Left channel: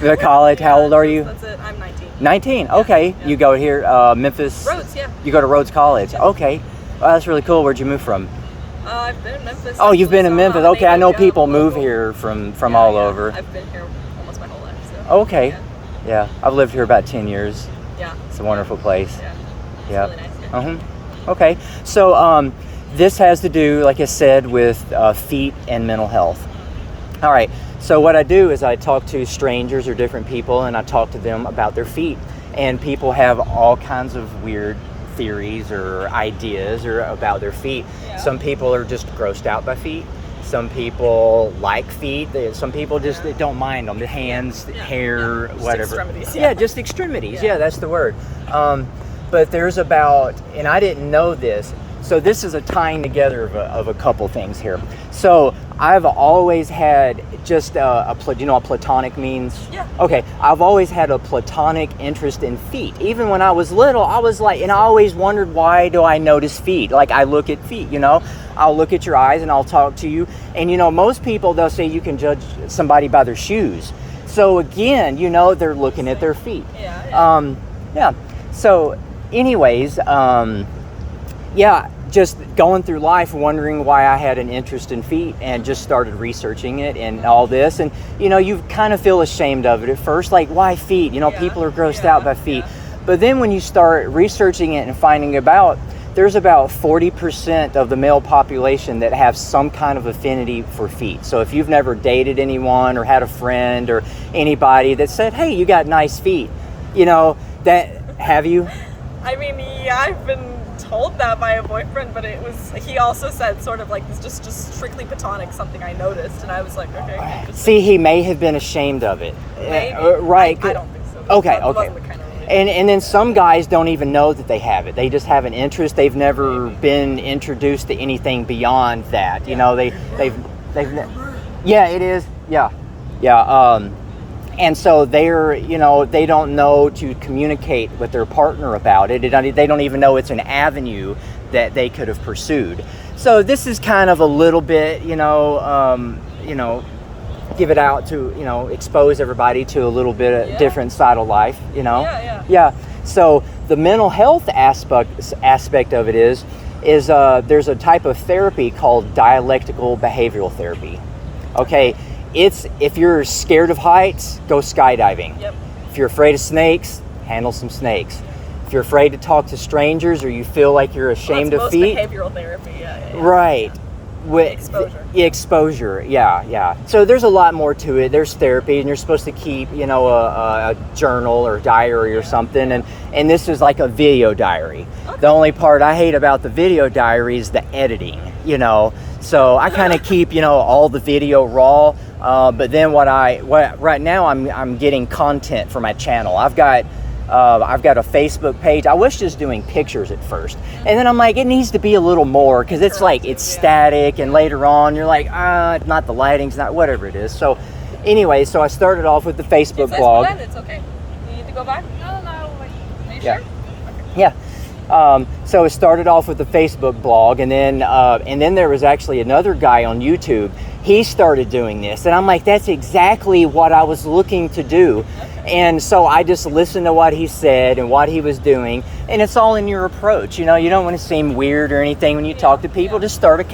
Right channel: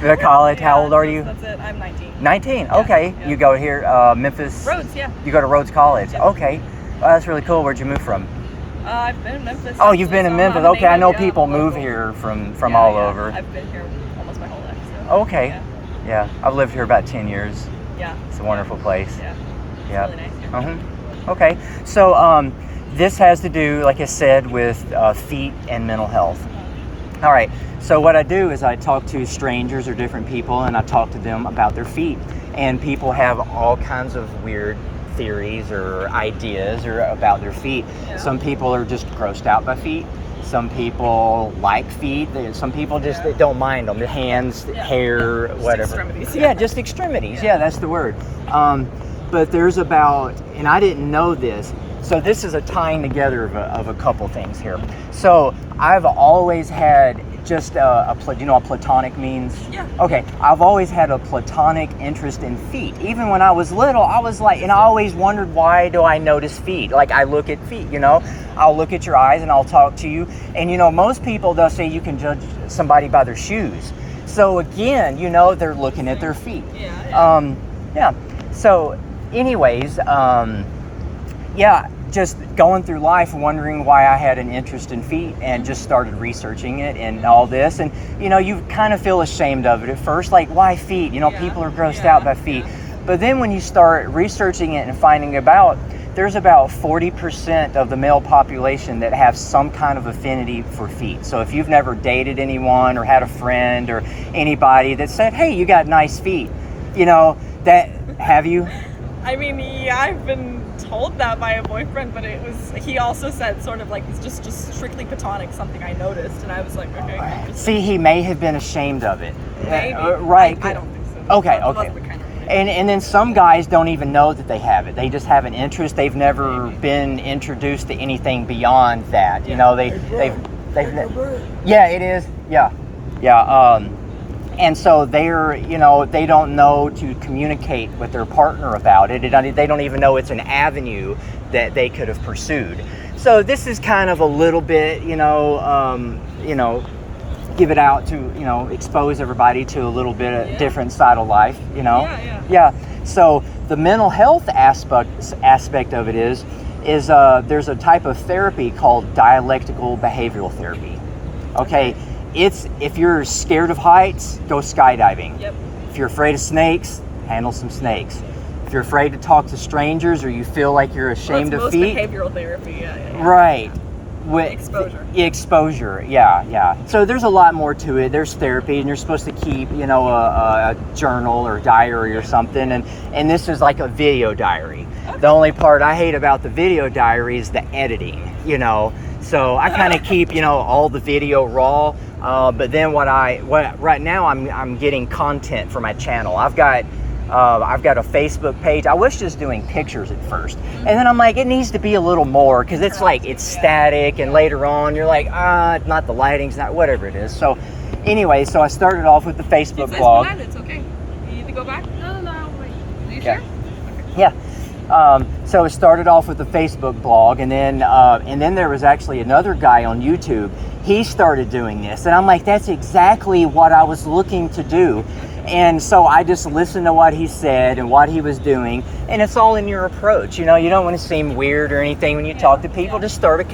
The college. How old are you? That's it. I'm 19. 19. Yeah, Okay. yeah. You go here, Memphis. Rhodes, yeah. You go to Rhodes College. Yeah. Okay. Well, that's really cool. Where'd you move from? I've been in Memphis. Oh, you've been in actually, so Memphis. I'm Okay, I know native, people I'm move local. here from Yeah, all yeah. over. I've been here almost my whole life. So. Okay. Yeah. Yeah, I've lived here about 10 years. Yeah. It's a wonderful place. Yeah. It's Yeah. really nice. Yeah. Okay. So this has to do, like I said, with feet and mental health. All right. So what I do is I talk to strangers or different people, and I talk to them about their feet. And people have all kinds of weird theories or ideas or about their feet. Yeah. Some people are just grossed out by feet. Some people like feet. Some people just they don't mind them. The hands, hair, Just whatever. extremities, Yeah, just extremities. Yeah, that's the word. But there's about, and I didn't know this, so this is a tying together of a couple things here. So I've always had just do you know what platonic means? Yeah. Okay, I've always had a platonic interest in feet. Even when I was little, I was like, and I always wondered, why do I notice feet? Like, I look at feet, you know? I'll look at your eyes and I'll talk to you. And, you know, most people, they'll say you can judge somebody by their shoes. So again, you know, they're looking at their feet. Yeah. Yeah. So anyways, just going through life wondering why I had an interest in feet, and just started researching it and all this. And, you know, you kind of feel ashamed of it at first, like, why feet? You know, people are grossed out by feet. But then when you start researching it and finding about, there's about 40% of the male population that have some kind of affinity for feet. So if you've never dated anyone or had a friend or anybody that said, hey, you got nice feet, you know, that, have you? I mean, yeah, I've been told that by a boyfriend, but he also said sort of like it's just strictly platonic, something I noticed, and I was like, okay, interesting. See, he may have been ashamed of it. Maybe. Right. I don't think so. Okay, That okay. wasn't kind of And then some guys don't even know that they have it. They just have an interest. They've never been introduced to anything beyond that. You know, they've yeah, it is. Yeah. And so they're, you know, they don't know to communicate with their partner about it. They don't even know it's an avenue that they could have pursued. So this is kind of a little bit, you know, give it out to, you know, expose everybody to a little bit of different side of life, you know. Yeah. So the mental health aspect of it is there's a type of therapy called dialectical behavioral therapy. Okay. If you're scared of heights, go skydiving. Yep. If you're afraid of snakes, handle some snakes. If you're afraid to talk to strangers, or you feel like you're ashamed of feet, behavioral therapy. Yeah. right? Exposure. Yeah. So there's a lot more to it. There's therapy, and you're supposed to keep, you know, a journal or diary or something. And this is like a video diary. Okay. The only part I hate about the video diary is the editing, you know. So I kind of keep, you know, all the video raw. But then right now I'm getting content for my channel. I've got a Facebook page. I was just doing pictures at first, and then I'm like, it needs to be a little more, because it's like it's static, and later on you're like, not the lighting's not, whatever it is. So anyway, so I started off with the Facebook blog. It's okay. You need to go back? No. Are you sure? Yeah. So it started off with the Facebook blog, and then there was actually another guy on YouTube. He started doing this, and I'm like, that's exactly what I was looking to do. And so I just listened to what he said and what he was doing, and it's all in your approach. You know, you don't want to seem weird or anything when you talk to people. Just start a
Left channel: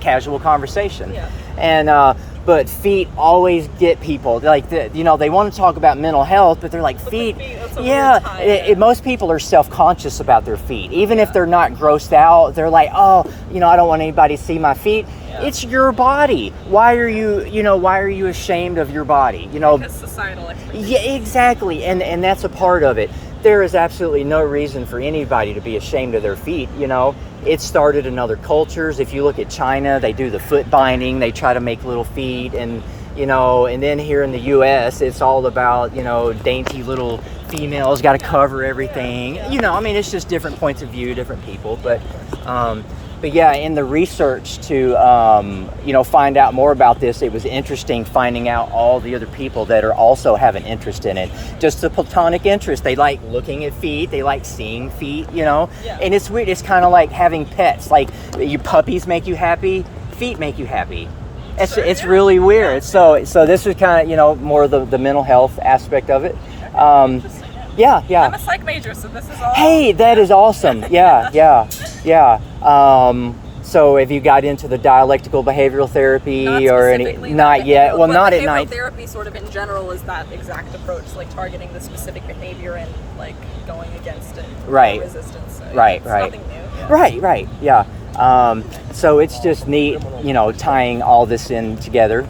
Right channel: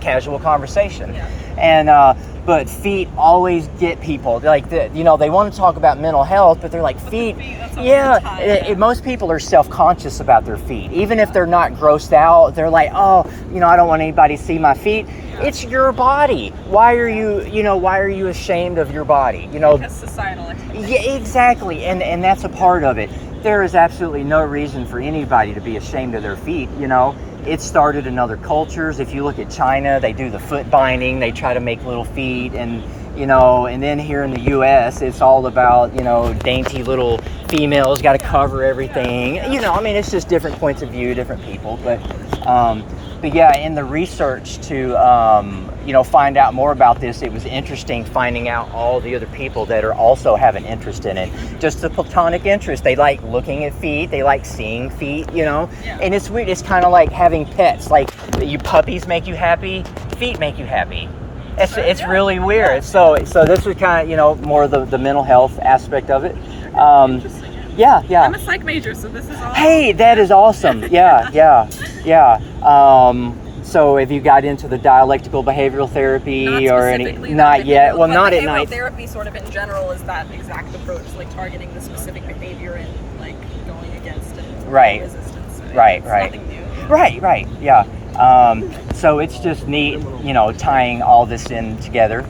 casual conversation. Yeah. And but feet always get people, like, you know, they want to talk about mental health, but they're like, feet. Most people are self-conscious about their feet. Even if they're not grossed out, they're like, oh, you know, I don't want anybody to see my feet. Yeah. It's your body. Why are you ashamed of your body? You know, because societal expectations. Yeah, exactly. And that's a part of it. There is absolutely no reason for anybody to be ashamed of their feet, you know. It started in other cultures. If you look at China, they do the foot binding. They try to make little feet, and, you know, and then here in the U.S., it's all about, you know, dainty little females, got to cover everything. You know, I mean, it's just different points of view, different people. But yeah, in the research to, you know, find out more about this, it was interesting finding out all the other people that are also have an interest in it. Just a platonic interest. They like looking at feet. They like seeing feet, you know. Yeah. And it's weird. It's kind of like having pets. Like, puppies make you happy. Feet make you happy. It's really weird. So this is kind of, you know, more the mental health aspect of it. Yeah. I'm a psych major, so this is all. Hey, that is awesome. Yeah. So have you got into the dialectical behavioral therapy or any? Not yet. Well, not at night. Therapy, sort of in general, is that exact approach, like targeting the specific behavior and like going against it. Right. Resistance. So Right. Nothing new. Right. Yeah. So it's just neat, you know, tying all this in together.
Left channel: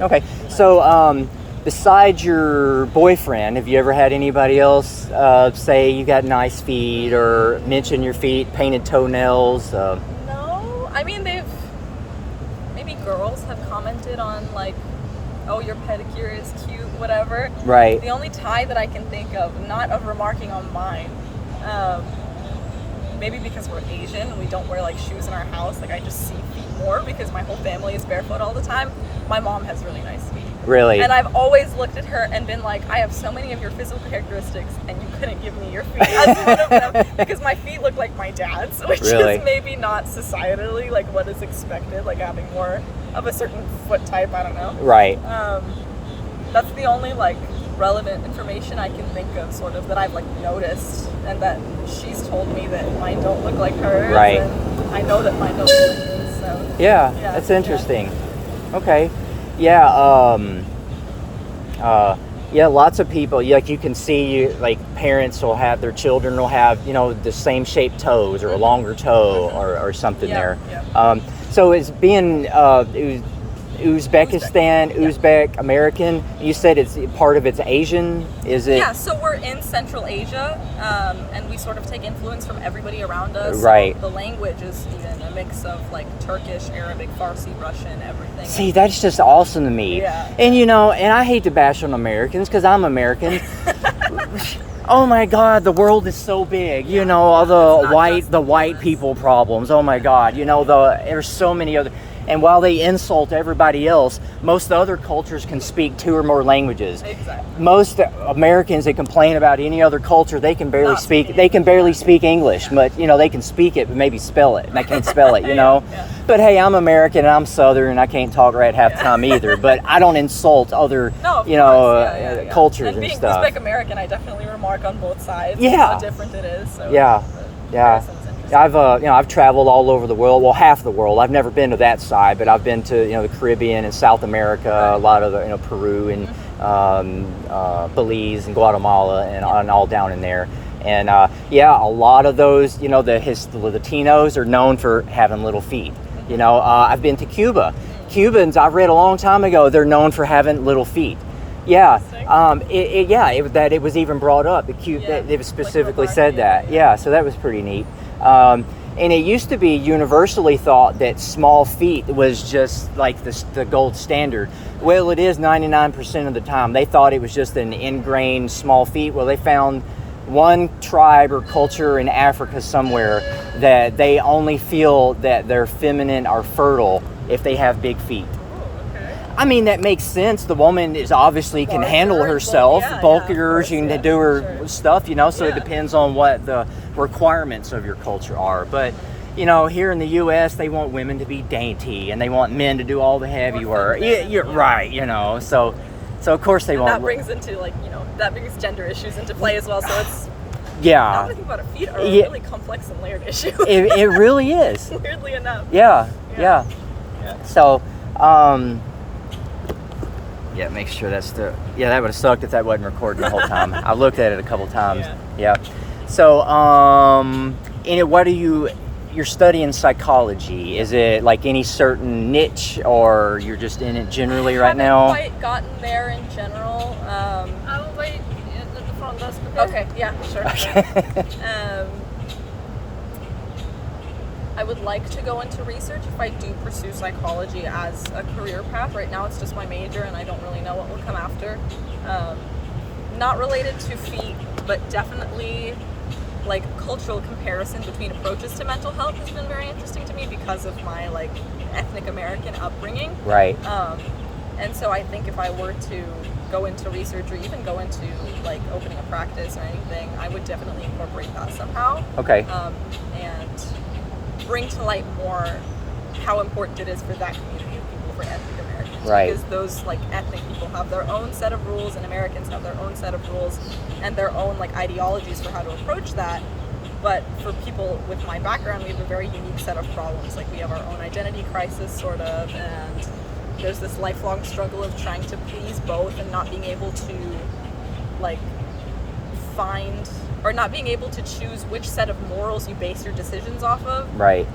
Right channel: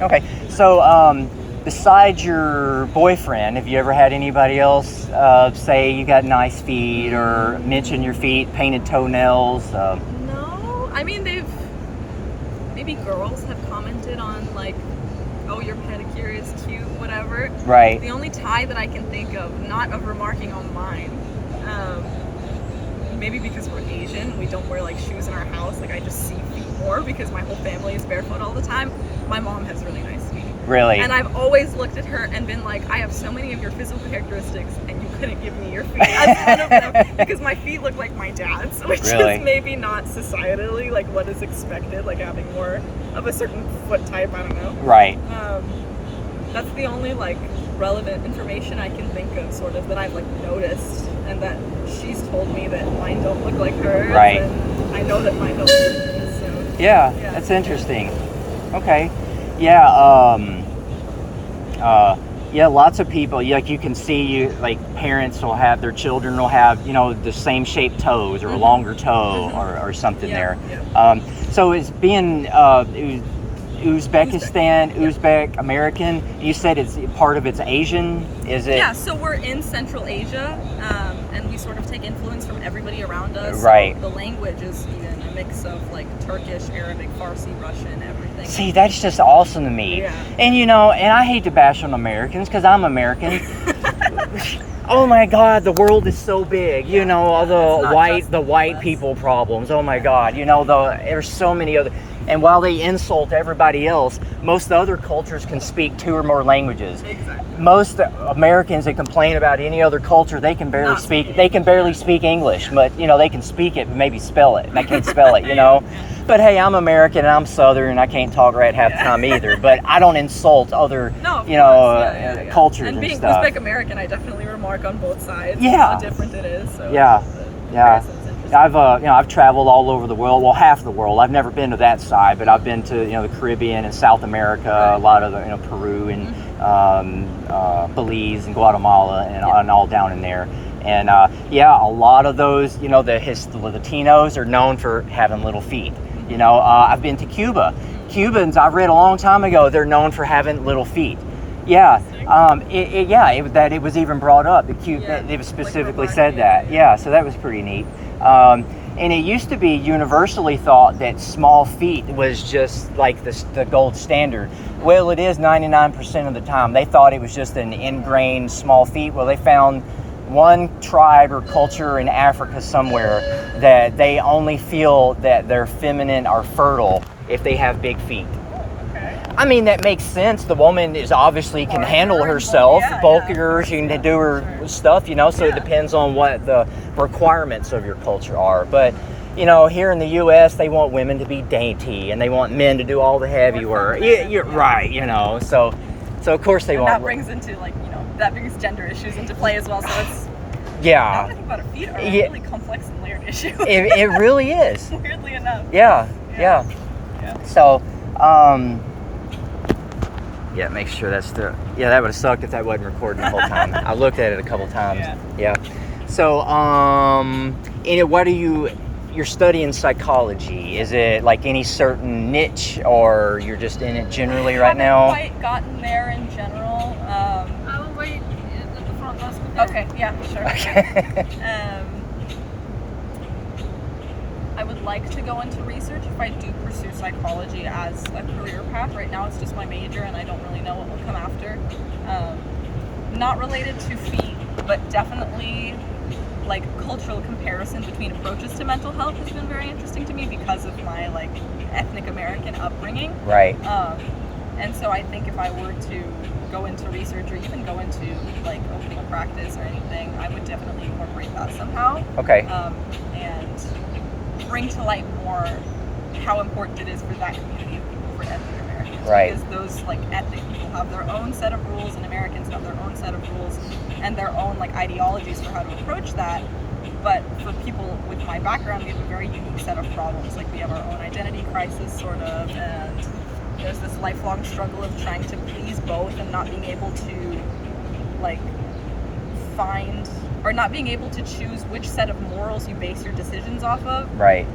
Okay. So besides your boyfriend, have you ever had anybody else say you got nice feet or mention your feet, painted toenails? No, I mean maybe girls have commented on like, oh, your pedicure is cute, whatever. Right. The only tie that I can think of, not of remarking on mine, maybe because we're Asian, we don't wear like shoes in our house. Like I just see feet more because my whole family is barefoot all the time. My mom has really nice feet. Really? And I've always looked at her and been like, I have so many of your physical characteristics, and you couldn't give me your feet as one of them because my feet look like my dad's, which Really? is maybe not societally like what is expected, like having more of a certain foot type. I don't know. Right. That's the only like relevant information I can think of, sort of, that I've like noticed, and that she's told me that mine don't look like hers. Right. I know that mine don't. So, Yeah, that's interesting. Okay. Yeah. Yeah. Lots of people. Like you can see, like parents will have their children will have, you know, the same shaped toes or a longer toe or something there. Yeah. So it's being Uzbekistan, Uzbek American. You said it's part of it's Asian. Is it? Yeah. So we're in Central Asia, and we sort of take influence from everybody around us. Right. So the language is even a mix of like Turkish, Arabic, Farsi, Russian, everything. See, that's just awesome to me. Yeah. And you know, and I hate to bash on Americans because I'm American. Oh my God, the world is so big. You know, the white people problems. Oh my God, you know, there's so many other. And while they insult everybody else, most other cultures can speak 2 or more languages. Exactly. Most Americans that complain about any other culture, they can barely speak. They can barely speak English, but you know they can speak it, but maybe spell it, and I can't spell it. You know. Yeah. But hey, I'm American and I'm Southern, and I can't talk right half the time either. But I don't insult other, cultures and being stuff. Uzbek American, I definitely remark on both sides. Yeah. How different it is. So. Yeah. I've traveled all over the world. Well, half the world. I've never been to that side, but I've been to the Caribbean and South America, a lot of Peru and Belize and Guatemala and all down in there. And a lot of those, the Latinos are known for having little feet. I've been to Cuba. Cubans, I've read a long time ago, they're known for having little feet. Yeah, it was even brought up. They specifically said that. Yeah, so that was pretty neat. And it used to be universally thought that small feet was just like the gold standard. Well, it is 99% of the time. They thought it was just an ingrained small feet. Well, they found one tribe or culture in Africa somewhere that they only feel that they're feminine or fertile if they have big feet. I mean, that makes sense. The woman is obviously can handle herself, bulkier, she can do her stuff, so it depends on what the requirements of your culture are. But, here in the U.S., they want women to be dainty and they want men to do all the heavy work. You're right, so of course they want. That brings into, that brings gender issues into play as well, so it's... Yeah. Now that I think about it, feet are a really complex and layered issue. It really is. Weirdly enough. Yeah. So, make sure that's that would have sucked if that wasn't recording the whole time. I looked at it a couple times. Yeah. So, what are you're studying psychology? Is it like any certain niche, or you're just in it generally right now? I haven't quite gotten there in general. I will wait at the front desk. Okay, yeah, sure. I would like to go into research if I do pursue psychology as a career path. Right now it's just my major and I don't really know what will come after. Not related to feet, but definitely like cultural comparison between approaches to mental health has been very interesting to me because of my ethnic American upbringing. Right. And so I think if I were to go into research or even go into opening a practice or anything, I would definitely incorporate that somehow. Okay. And bring to light more how important it is for that community of people for ethnic Americans. Right. Because those like ethnic people have their own set of rules, and Americans have their own set of rules and their own like ideologies for how to approach that. But for people with my background, we have a very unique set of problems. Like we have our own identity crisis, sort of, and there's this lifelong struggle of trying to please both and not being able to like find or not being able to choose which set of morals you base your decisions off of. Right.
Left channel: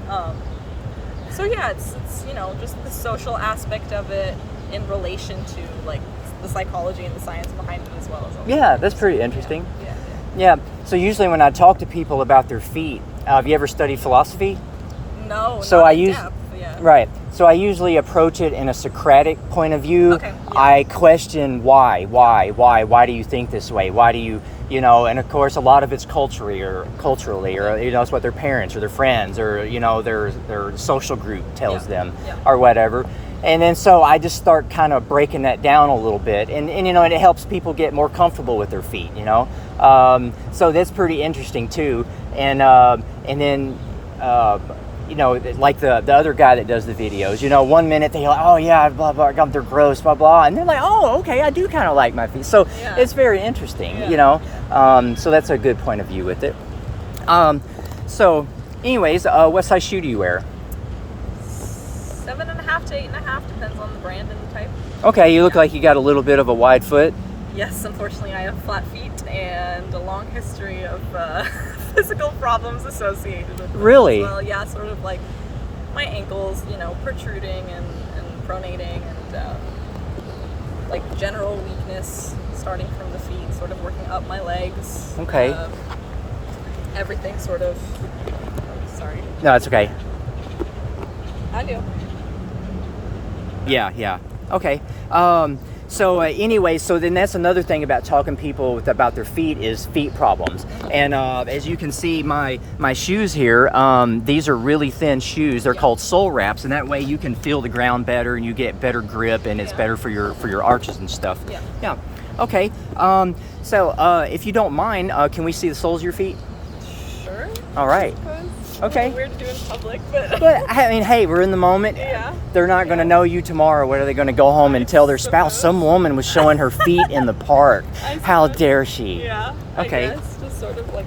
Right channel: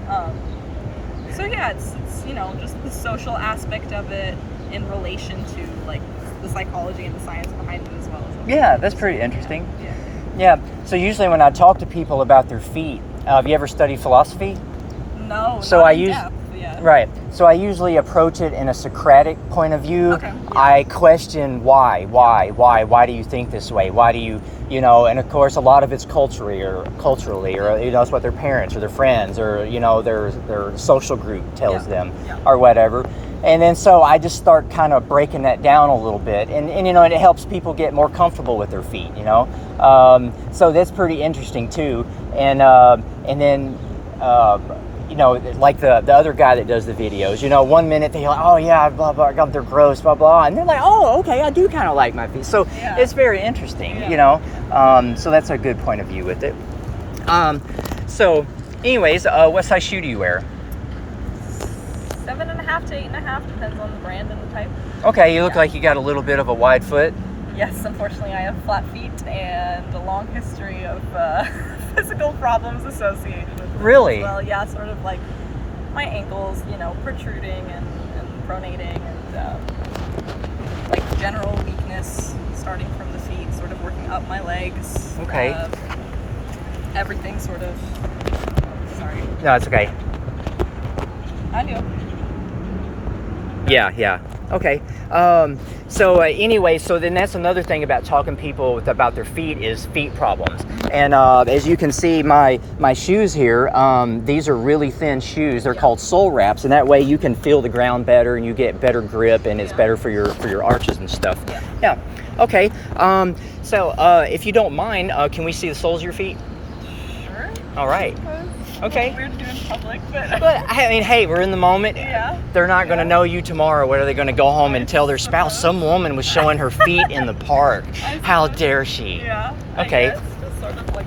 So yeah, it's you know, just the social aspect of it in relation to like the psychology and the science behind it as well. Yeah, that's pretty interesting. Yeah. Yeah. So usually when I talk to people about their feet, have you ever studied philosophy? No. So not I in use depth, yeah. right. So I usually approach it in a Socratic point of view. Okay. I question why do you think this way? Why do you and of course a lot of it's culturally or it's what their parents or their friends or their social group tells them or whatever. And then so I just start kind of breaking that down a little bit, and it helps people get more comfortable with their feet, so that's pretty interesting too. And then like the other guy that does the videos, 1 minute they're like, oh yeah, blah blah, they're gross, blah blah, and they're like, oh okay, I do kind of like my feet. So it's very interesting, so that's a good point of view with it. So anyways, what size shoe do you wear? 7.5 to 8.5, depends on the brand and the type. Okay, you look like you got a little bit of a wide foot. Yes, unfortunately I have flat feet and a long history of physical problems associated with them. Really? Well, yeah, sort of like my ankles, protruding and pronating, and like general weakness starting from the feet, sort of working up my legs. Okay. Everything sort of. Oh, sorry. No, it's okay. I do. Yeah. Okay. So anyway, so then that's another thing about talking to people about their feet is feet problems. And as you can see, my shoes here, these are really thin shoes. They're called sole wraps, and that way you can feel the ground better and you get better grip, and it's better for your arches and stuff. Yeah. Okay. So if you don't mind, can we see the soles of your feet? Sure. All right. Okay. Weird to do in public, but. But I mean, hey, we're in the moment. Yeah. They're not going to know you tomorrow. What are they going to go home and tell their spouse? Some woman was showing her feet in the park. How dare she? Yeah. Okay. I guess, just sort of like